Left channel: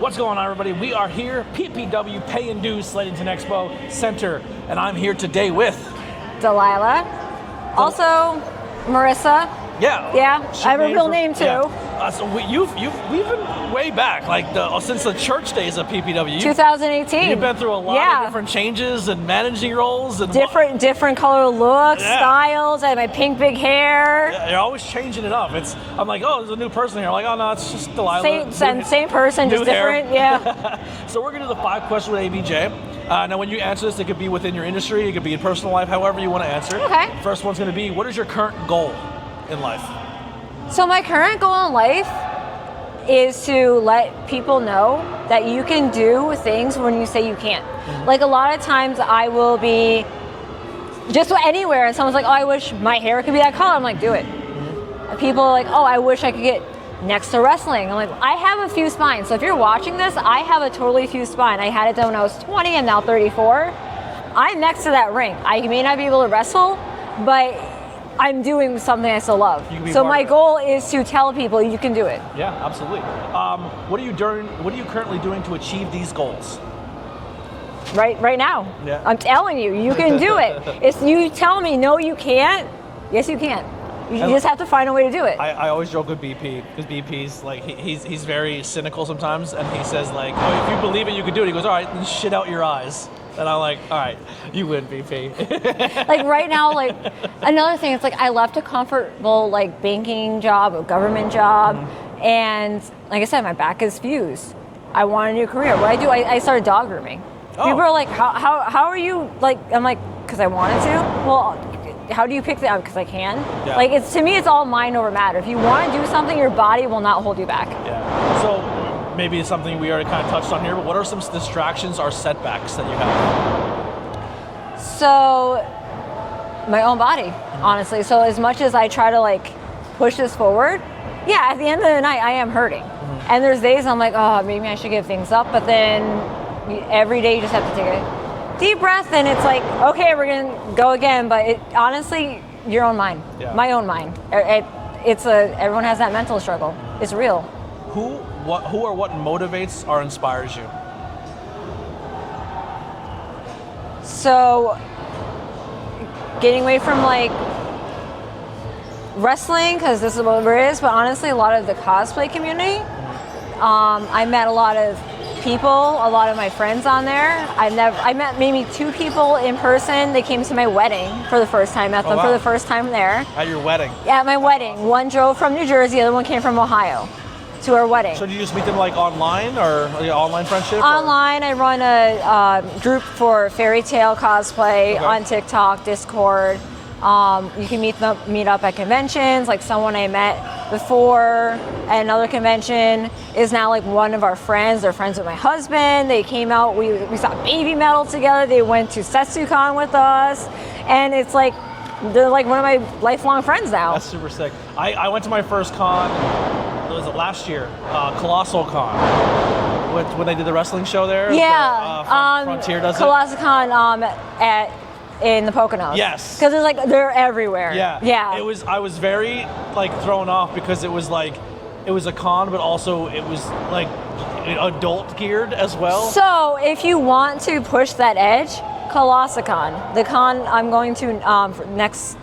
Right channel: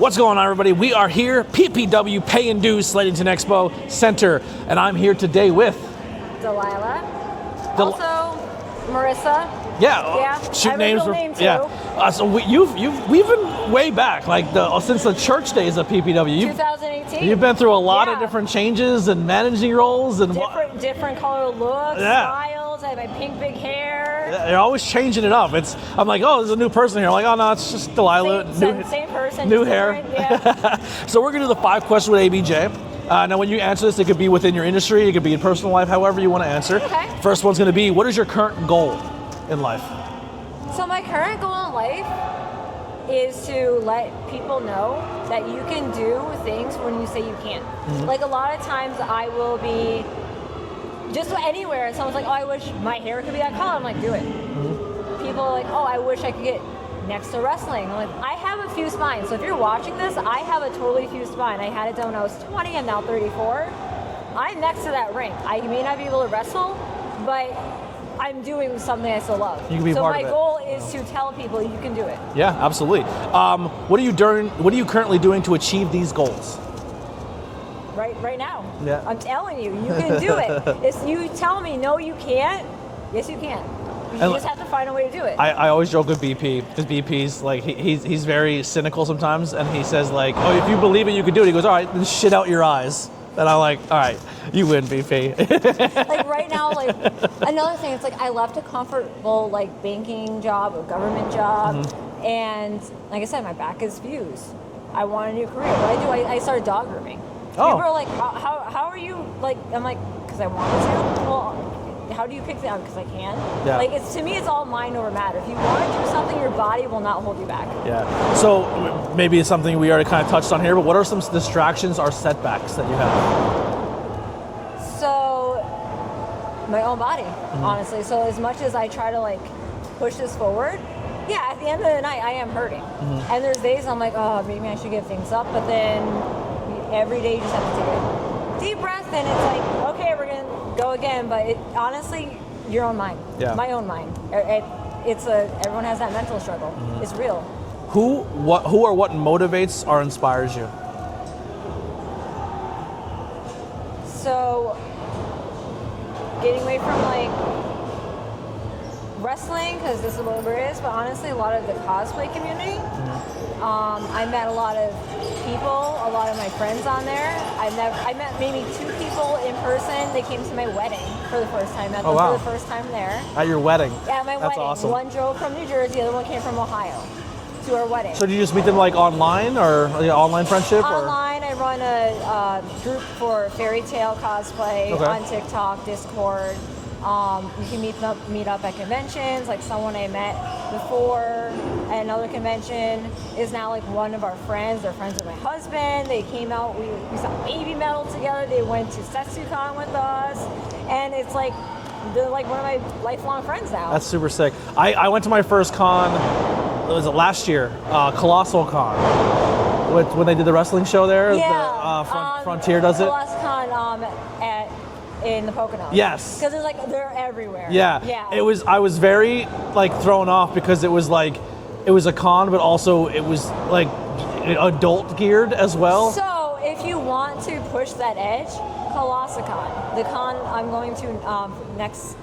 What's going on, everybody? We are here, PPW Pay and Dues Slatington Expo Center, and I'm here today with Delilah. Also, Marissa. Yeah, I have a real name too. Yeah. So we've been way back, like since the church days of PPW. 2018. You've been through a lot of different changes and managing roles and different color looks, styles. I have my pink big hair. You're always changing it up. I'm like, oh, there's a new person here. I'm like, oh no, it's just Delilah. Same person, just different. Yeah. So we're gonna do the 5 questions with ABJ. Now, when you answer this, it could be within your industry, it could be in personal life, however you want to answer. Okay. First one's gonna be, what is your current goal in life? So my current goal in life is to let people know that you can do things when you say you can't. Mm-hmm. Like a lot of times I will be just anywhere and someone's like, oh, I wish my hair could be that color. I'm like, do it. Mm-hmm. People are like, oh, I wish I could get next to wrestling. I'm like, I have a fused spine. So if you're watching this, I have a totally fused spine. I had it done when I was 20, I'm now 34. I'm next to that ring. I may not be able to wrestle, but I'm doing something I still love. So my goal is to tell people you can do it. Yeah, absolutely. What are you currently doing to achieve these goals? Right now. Yeah. I'm telling you, you can do it. If you tell me no, you can't. Yes, you can. You just have to find a way to do it. I always joke with BP because BP's like he's very cynical sometimes, and he says like, oh, if you believe it, you can do it. He goes, all right, then shit out your eyes. And I'm like, all right, you win, BP. Like right now, like another thing, it's like I left a comfortable like banking job, a government job, and like I said, my back is fused. I want a new career. What I do, I started dog grooming. Oh. People are like, how are you like? I'm like, because I wanted to. Well, how do you pick that up? Because I can. Yeah. Like to me, it's all mind over matter. If you want to do something, your body will not hold you back. Yeah. So maybe it's something we already kind of touched on here, but what are some distractions or setbacks that you have? So my own body, honestly. So as much as I try to like push this forward, yeah, at the end of the night, I am hurting. And there's days I'm like, oh, maybe I should give things up. But then every day you just have to take a deep breath, and it's like, okay, we're gonna go again. But honestly, your own mind, my own mind. Everyone has that mental struggle. It's real. Who or what motivates or inspires you? So, getting away from like wrestling, because this is what it is, but honestly, a lot of the cosplay community. I met a lot of people, a lot of my friends on there. I met maybe 2 people in person. They came to my wedding for the first time. Met them for the first time there. At your wedding? Yeah, at my wedding. Awesome. One drove from New Jersey, the other one came from Ohio to our wedding. So did you just meet them like online or online friendship? Online, I run a group for fairy tale cosplay on TikTok, Discord. You can meet up at conventions. Like someone I met before at another convention is now like one of our friends. They're friends with my husband. They came out, we saw Baby Metal together. They went to SetsuCon with us. And it's like, they're like one of my lifelong friends now. That's super sick. I went to my first con, was it last year? Colossal Con. When they did the wrestling show there? Yeah. Frontier does Colossal Con in the Poconos. Yes. Because it's like they're everywhere. Yeah. Yeah. I was very like thrown off because it was like it was a con, but also it was like adult geared as well. So if you want to push that edge, Colossicon, the con I'm going to next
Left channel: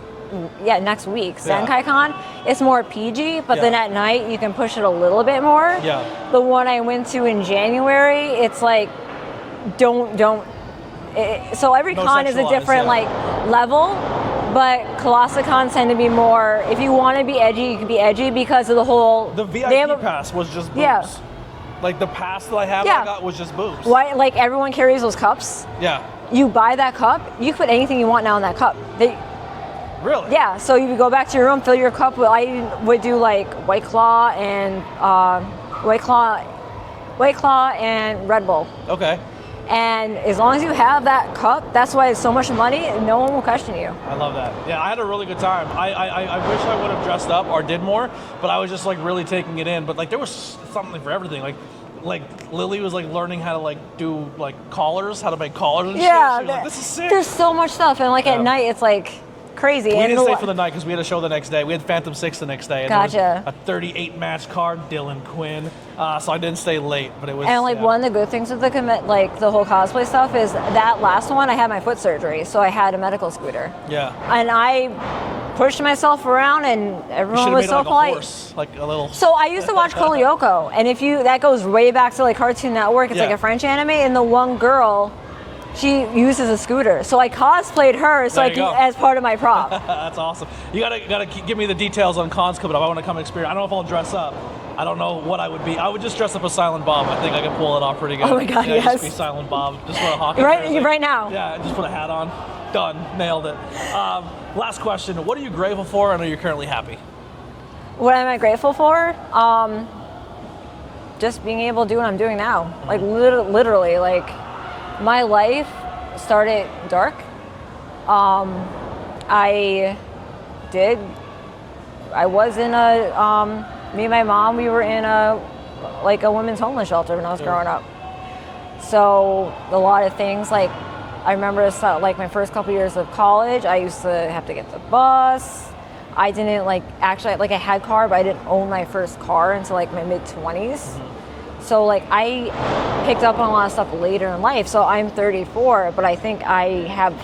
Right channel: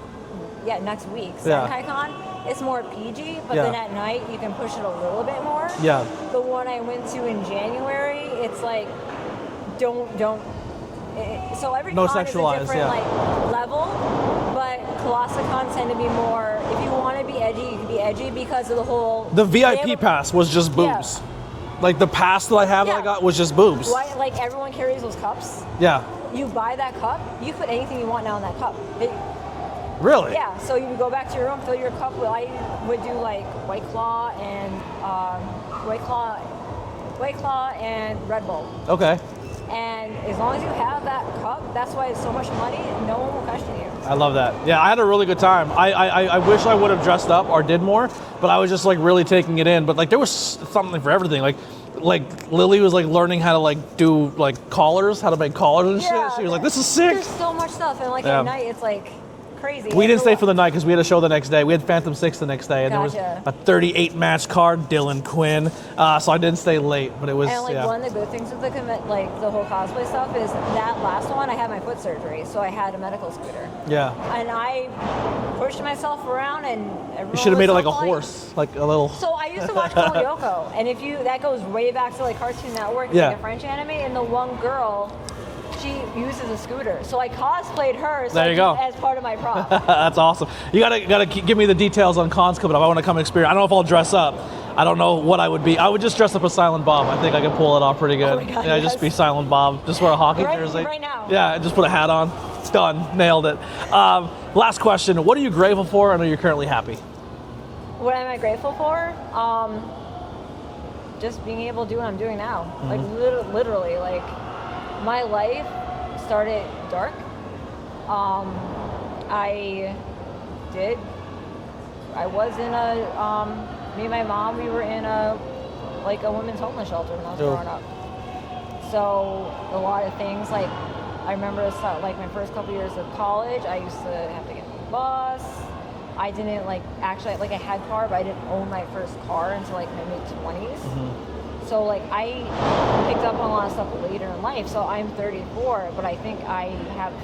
week, Senkai Con, it's more PG, but then at night you can push it a little bit more. Yeah. The one I went to in January, it's like so every con is a different like level, but Colossicons tend to be more, if you want to be edgy, you can be edgy because of the whole... The VIP pass was just boobs. Yeah. Like the pass that I got was just boobs. Why, like everyone carries those cups. Yeah. You buy that cup, you can put anything you want now in that cup. Really? Yeah, so you go back to your room, fill your cup with, I would do like White Claw and Red Bull. Okay. And as long as you have that cup, that's why it's so much money, and no one will question you. I love that. Yeah, I had a really good time. I wish I would have dressed up or did more, but I was just like really taking it in. But like there was something for everything. Like Lily was like learning how to like do like collars, how to make collars and shit. She was like, this is sick. There's so much stuff, and like at night it's like crazy. We didn't stay for the night because we had a show the next day. We had Phantom 6 the next day. And Gotcha. There was a 38 match card, Dylan Quinn. So I didn't stay late, but it was. And like one of the good things with the the whole cosplay stuff is that last one I had my foot surgery, so I had a medical scooter. Yeah. And I pushed myself around, and You everyone should have was made it so like polite. a horse, like a little. So I used to watch Kolyoko, and that goes way back to like Cartoon Network. It's like a French anime, and the one girl, she uses a scooter. So I cosplayed her as part of my prop. That's awesome. You gotta give me the details on cons coming up. I want to come experience. I don't know if I'll dress up. I don't know what I would be. I would just dress up as Silent Bob. I think I can pull it off pretty good. Oh my God, yeah, yes. Just be Silent Bob. Just wear a hockey jersey. Right now. Yeah, just put a hat on. It's done. Nailed it. Last question. What are you grateful for and are you currently happy? What am I grateful for? Just being able to do what I'm doing now. Mm-hmm. Like literally, like my life started dark. I was in me and my mom, we were in a women's homeless shelter when I was growing up. So a lot of things, like I remember my first couple years of college, I used to have to get the bus. I didn't I had a car, but I didn't own my first car until like my mid-20s. Mm-hmm. So like I picked up on a lot of stuff later in life. So I'm 34, but I think I have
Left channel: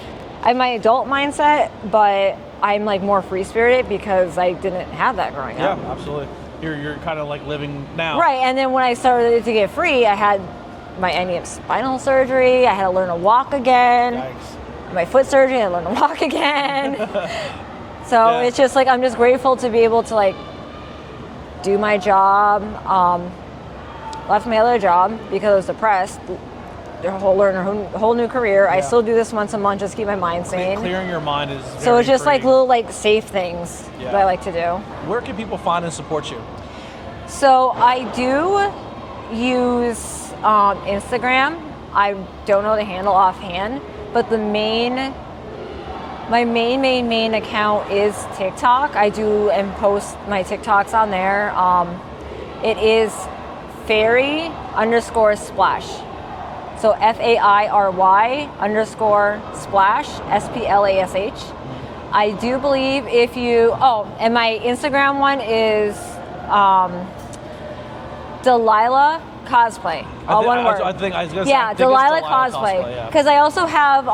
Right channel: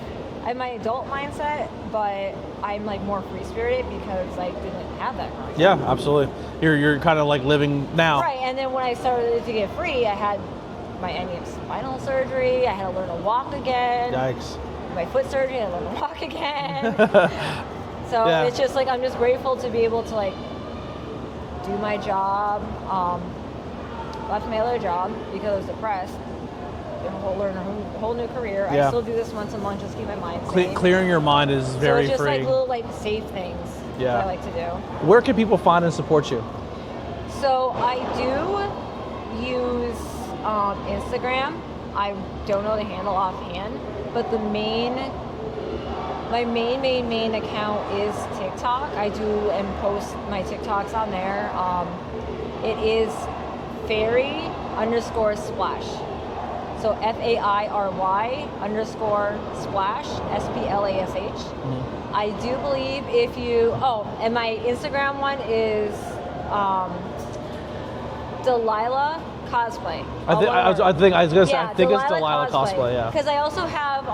my adult mindset, but I'm like more free-spirited because I didn't have that growing up. Yeah, absolutely. You're kind of like living now. Right, and then when I started to get free, I had my spinal surgery. I had to learn to walk again. Yikes. My foot surgery, I learned to walk again. So it's just like I'm just grateful to be able to like do my job. Left my other job because I was depressed. Learn a whole new career. Yeah. I still do this once a month just to keep my mind sane. Clearing your mind is very So it's just freeing. like little like safe things that I like to do. Where can people find and support you? So I do use Instagram. I don't know the handle offhand, but my main account is TikTok. I do and post my TikToks on there. It is fairy_splash. So FAIRY _splash, SPLASH. Mm-hmm. I do believe and my Instagram one is Delilah Cosplay. I think I was going to say Delilah Cosplay. Because I also have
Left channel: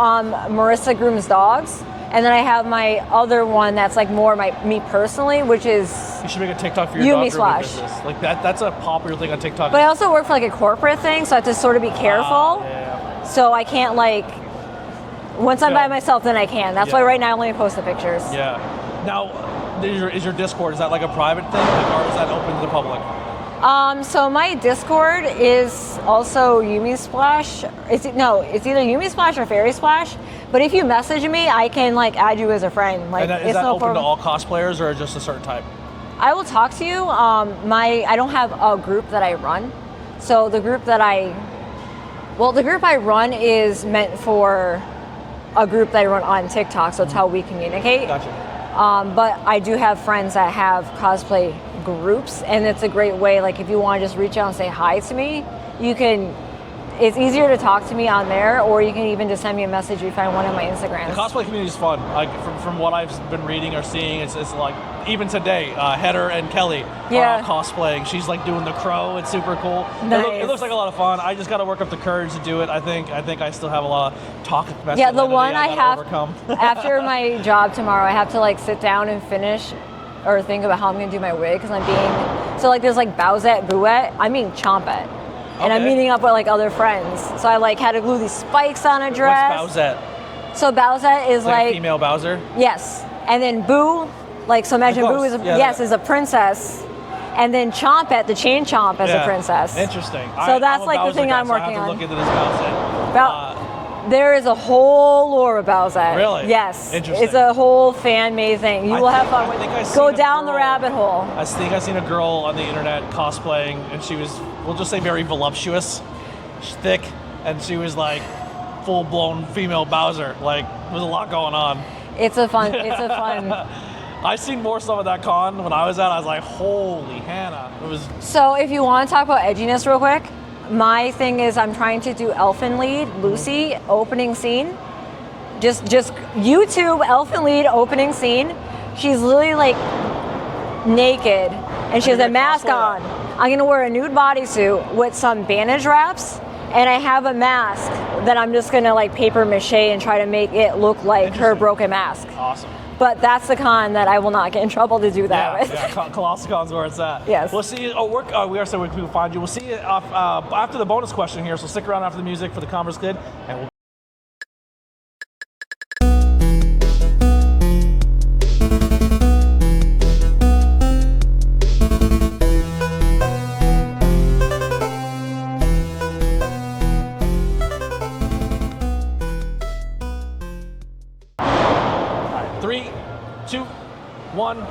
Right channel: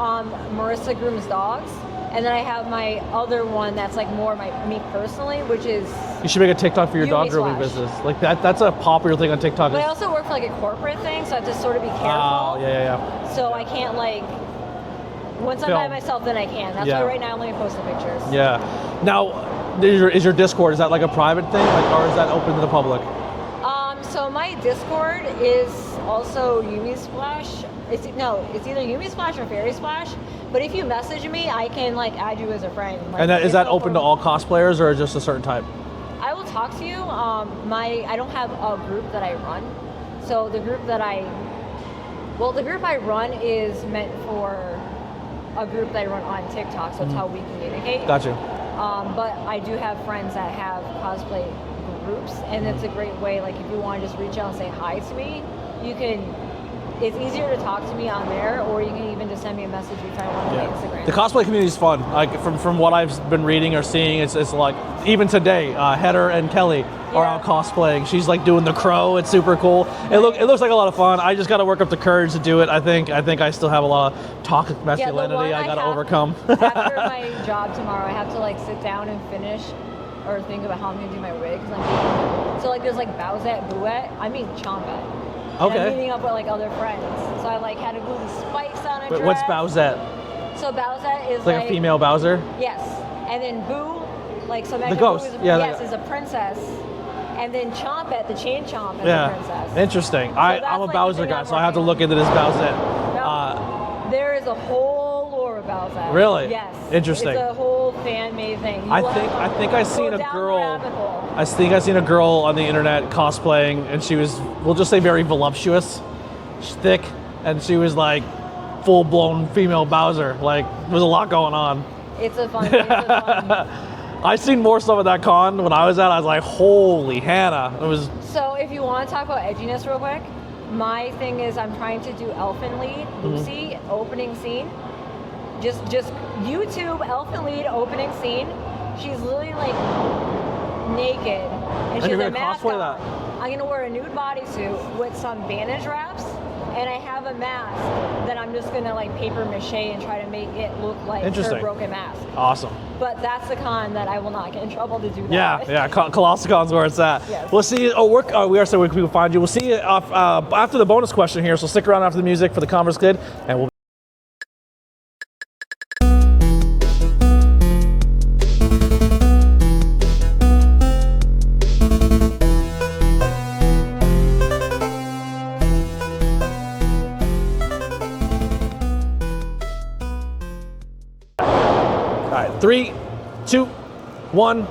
Marissa Grooms Dogs. And then I have my other one that's like more me personally, which is you should make a TikTok for your dog grooming Slash. business. Like that's a popular thing on TikTok. But I also work for like a corporate thing, so I have to sort of be careful. Yeah. So I can't once I'm by myself, then I can. That's why right now I'm only posting pictures. Yeah. Now, is your Discord, is that like a private thing, or is that open to the public? So my Discord is also Yumi Splash. It's either Yumi Splash or Fairy Splash. But if you message me, I can add you as a friend. And is that open to all cosplayers or just a certain type? I will talk to you. I don't have a group that I run. So the group I run is meant for a group that I run on TikTok. So it's how we communicate. Gotcha. But I do have friends that have cosplay groups, and it's a great way. If you want to just reach out and say hi to me, you can. It's easier to talk to me on there, or you can even just send me a message if you find one on my Instagram. The cosplay community is fun. From what I've been reading or seeing, it's like even today, Heather and Kelly are out cosplaying. She's doing the crow. It's super cool. Nice. It looks like a lot of fun. I just got to work up the courage to do it. I think I still have a lot of toxic masculinity the one I got to overcome. After my job tomorrow, I have to sit down and finish or think about how I'm going to do my wig because there's Bowsette, Bouette. I'm being Chompette. And I'm meeting up with other friends. So I had to glue these spikes on a dress. What's Bowsette? So Bowsette is like a female Bowser? Yes. And then Boo, so imagine Boo is is a princess. And then Chompette, the chain chomp, as a princess. Interesting. So that's I'm a the Bowser thing guy, I'm so working I have to on. look into this Bowsette. There is a whole lore of Bowsette. Really? Yes. Interesting. It's a whole fan-made thing. You will I think I go down the rabbit hole. I think I've seen a girl on the internet cosplaying, and she was, we'll just say, very voluptuous. She's thick, and she was full-blown female Bowser. There's a lot going on. It's a fun. I seen more stuff at that con when I was at. I was like, holy Hannah. It was. So if you want to talk about edginess real quick, my thing is I'm trying to do Elfen Lied, Lucy, opening scene. Just YouTube Elfin Lied opening scene. She's literally like naked and she has a mask on. I'm gonna wear a nude bodysuit with some bandage wraps, and I have a mask that I'm just gonna like paper mache and try to make it look like her broken mask. Awesome. But that's the con that I will not get in trouble to do that with. Yeah, Colossacon's where it's at. Yes. We'll see you. We are saying where people find you. We'll see you after the bonus question here, so stick around after the music for the Converse Kid, and we'll. All right, 3, 2, 1.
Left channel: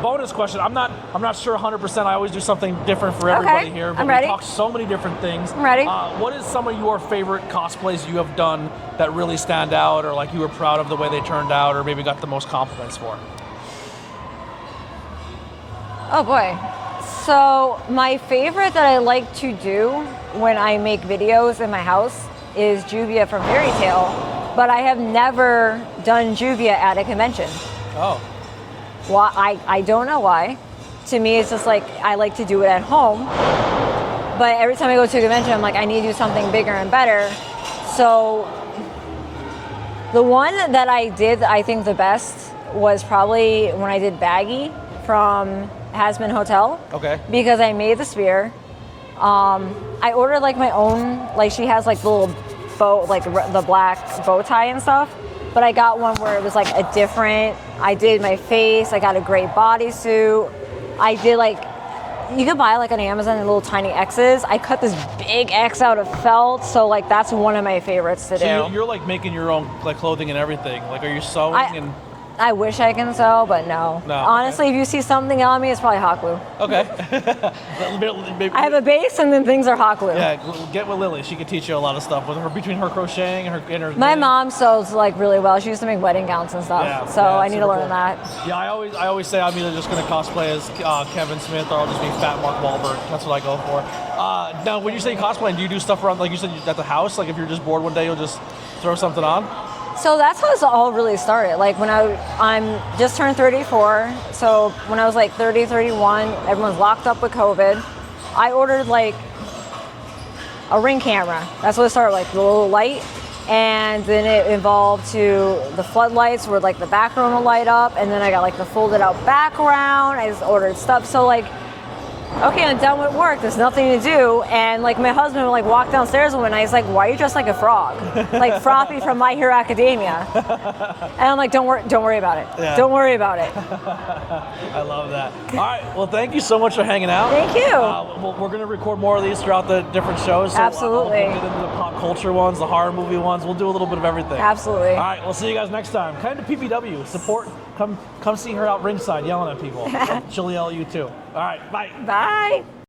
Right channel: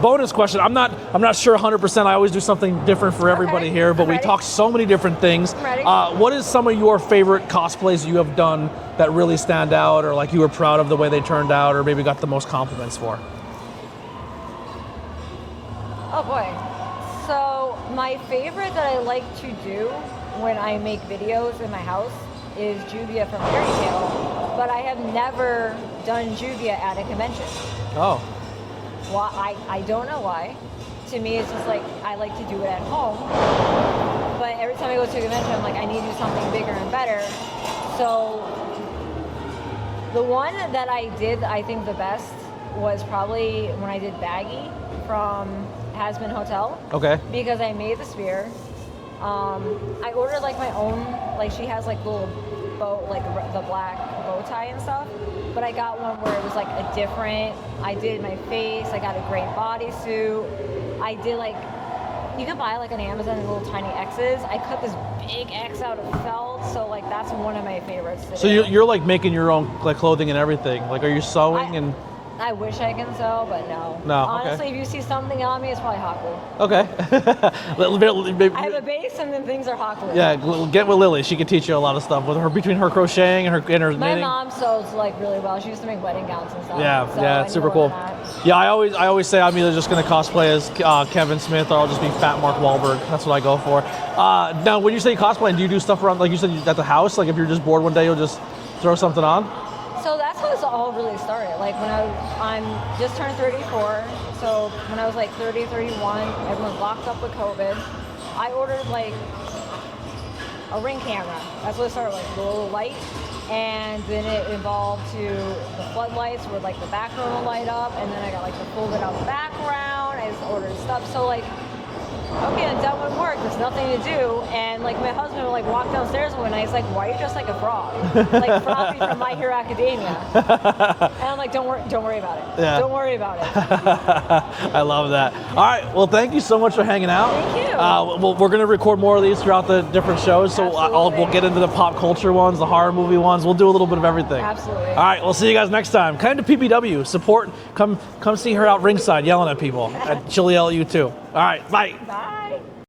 Bonus question. I'm not sure 100%. I always do something different for everybody here, but we talk so many different things. I'm ready. What is some of your favorite cosplays you have done that really stand out, or like you were proud of the way they turned out, or maybe got the most compliments for? Oh boy. So my favorite that I like to do when I make videos in my house is Juvia from Fairy Tale, but I have never done Juvia at a convention. Oh. Why? I don't know why. To me, it's just like I like to do it at home. But every time I go to a convention, I'm like, I need to do something bigger and better. So the one that I did, I think the best was probably when I did Baggy from Hasman Hotel. Okay. Because I made the spear. I ordered like my own, like she has like the little bow, like the black bow tie and stuff. But I got one where it was like a different, I did my face, I got a great bodysuit. I did like, you could buy like on Amazon little tiny X's. I cut this big X out of felt, so like that's one of my favorites to do. So you're like making your own like clothing and everything. Like, are you sewing and? I wish I can sew, but no. No. Honestly, if you see something on me, it's probably hot glue. Okay. I have a base, and then things are hot glue. Yeah, get with Lily. She can teach you a lot of stuff with her between her crocheting and her My knitting. mom sews like really well. She used to make wedding gowns and stuff. Yeah, so yeah, I need to learn cool. that. Yeah, I always say I'm either just gonna cosplay as Kevin Smith or I'll just be Fat Mark Wahlberg. That's what I go for. Now, when you say cosplaying, do you do stuff around, like you said, at the house? Like if you're just bored one day, you'll just throw something on? So that's how this all really started. Like when I'm just turned 34, so when I was like 30, 31, everyone's locked up with COVID. I ordered like a Ring camera. That's what it started, like the little light. And then it evolved to the floodlights where like the background will light up. And then I got like the folded out background. I just ordered stuff. So like, okay, I'm done with work. There's nothing to do. And like my husband would like walk downstairs one night. He's like, "Why are you dressed like a frog? Like Frothy from My Hero Academia?" And I'm like, "Don't worry about it. Yeah. Don't worry about it." I love that. All right. Well, thank you so much for hanging out. Thank you. We're going to record more of these throughout the different shows. So Absolutely. we'll get into the pop culture ones, the horror movie ones. We'll do a little bit of everything. Absolutely. All right. We'll see you guys next time. Kind of PPW. Support. Come see her out ringside yelling at people. And she'll yell at you too. All right. Bye. Bye.